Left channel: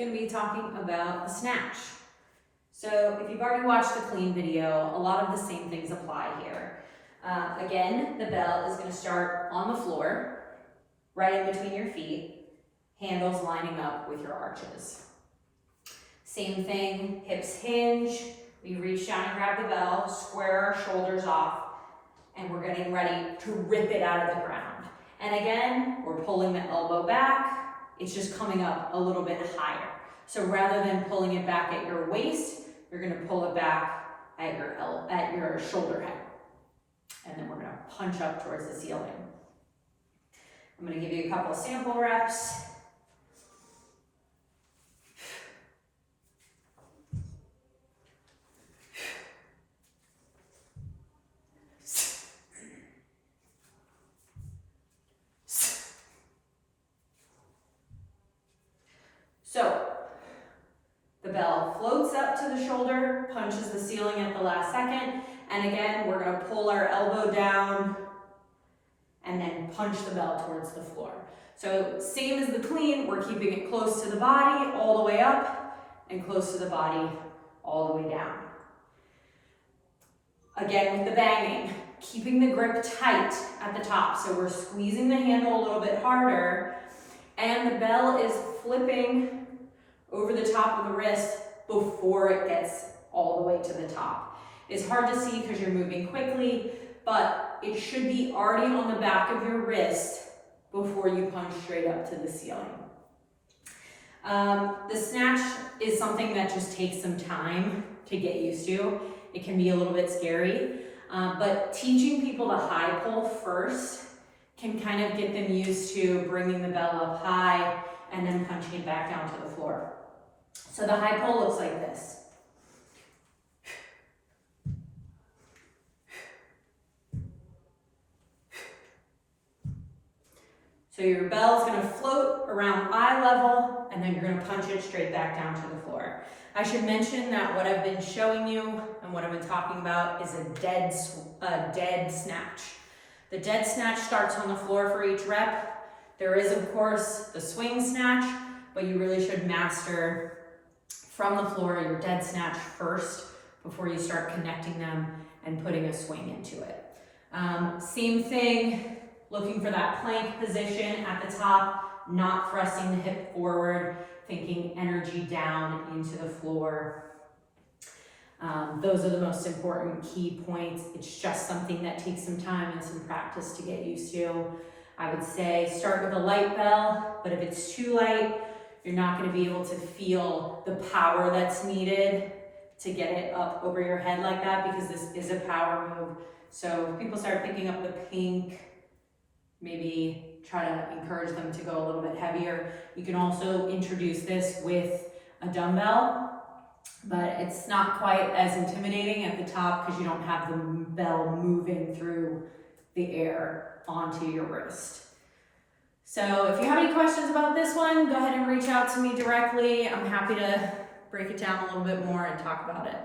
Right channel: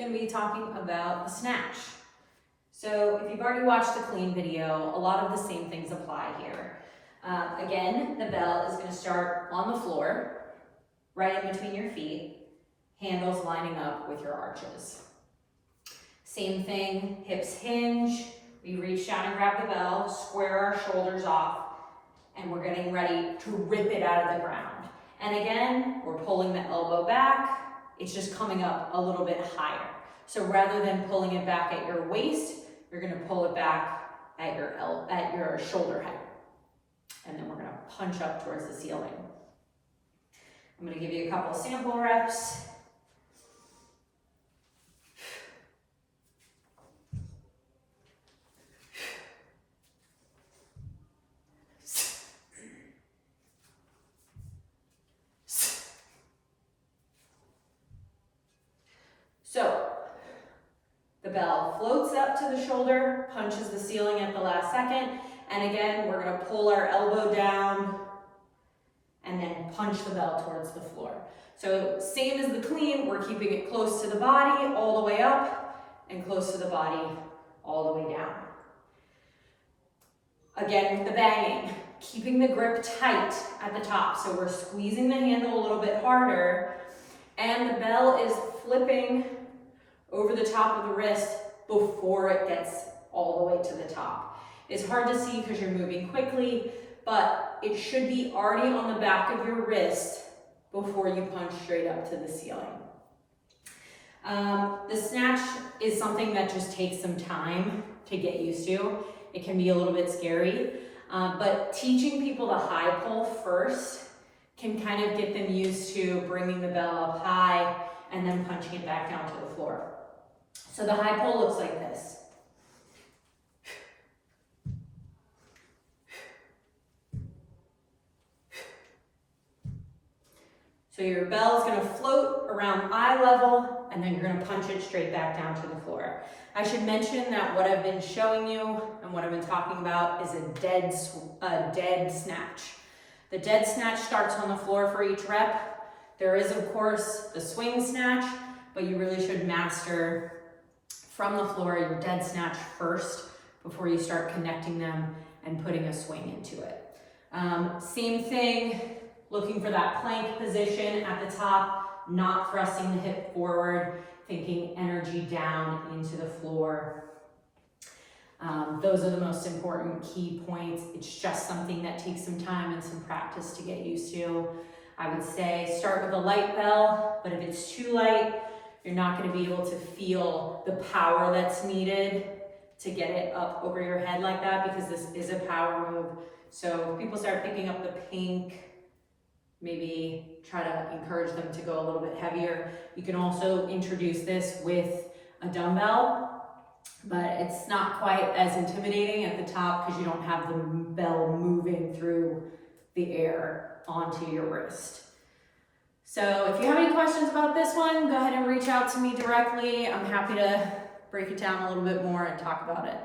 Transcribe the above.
going to be talking about the snatch. So if you've already watched the clean video, a lot of the same things apply here. Again, the bell is going to start on the floor, right in between your feet, handles lining up with your arches. Same thing, hips hinge, we reach down and grab the bell, square our shoulders off, and we're getting ready to rip it out of the ground. And again, we're pulling the elbow back, it's just coming up a little bit higher. So rather than pulling it back at your waist, you're gonna pull it back at your shoulder head. And then we're gonna punch up towards the ceiling. I'm gonna give you a couple sample reps. So, the bell floats up to the shoulder, punches the ceiling at the last second, and again, we're gonna pull our elbow down and then punch the bell towards the floor. So, same as the clean, we're keeping it close to the body, all the way up, and close to the body, all the way down. Again, with the banging, keeping the grip tight at the top. So we're squeezing the handle a little bit harder, and the bell is flipping over the top of the wrist before it gets all the way to the top. It's hard to see because you're moving quickly, but it should be already on the back of your wrist before you punch straight up to the ceiling. The snatch is something that just takes some time to get used to. It can be a little bit scary, but teaching people to high pull first can kind of get them used to bringing the bell up high and then punching it back down to the floor. So the high pull looks like this. So your bell is going to float around eye level, and then you're going to punch it straight back down to the floor. I should mention that what I've been showing you and what I've been talking about is a dead snatch. The dead snatch starts on the floor for each rep. There is, of course, the swing snatch, but you really should master from the floor your dead snatch first before you start connecting them and putting a swing into it. Same thing, looking for that plank position at the top, not thrusting the hip forward, thinking energy down into the floor. Those are the most important key points. It's just something that takes some time and some practice to get used to. I would say start with a light bell, but if it's too light, you're not going to be able to feel the power that's needed to get it up over your head like that, because this is a power move. So if people start picking up the pink, maybe try to encourage them to go a little bit heavier. You can also introduce this with a dumbbell, but it's not quite as intimidating at the top because you don't have the bell moving through the air onto your wrist. So if you have any questions about this one, go ahead and reach out to me directly. I'm happy to break it down a little bit more and talk about it.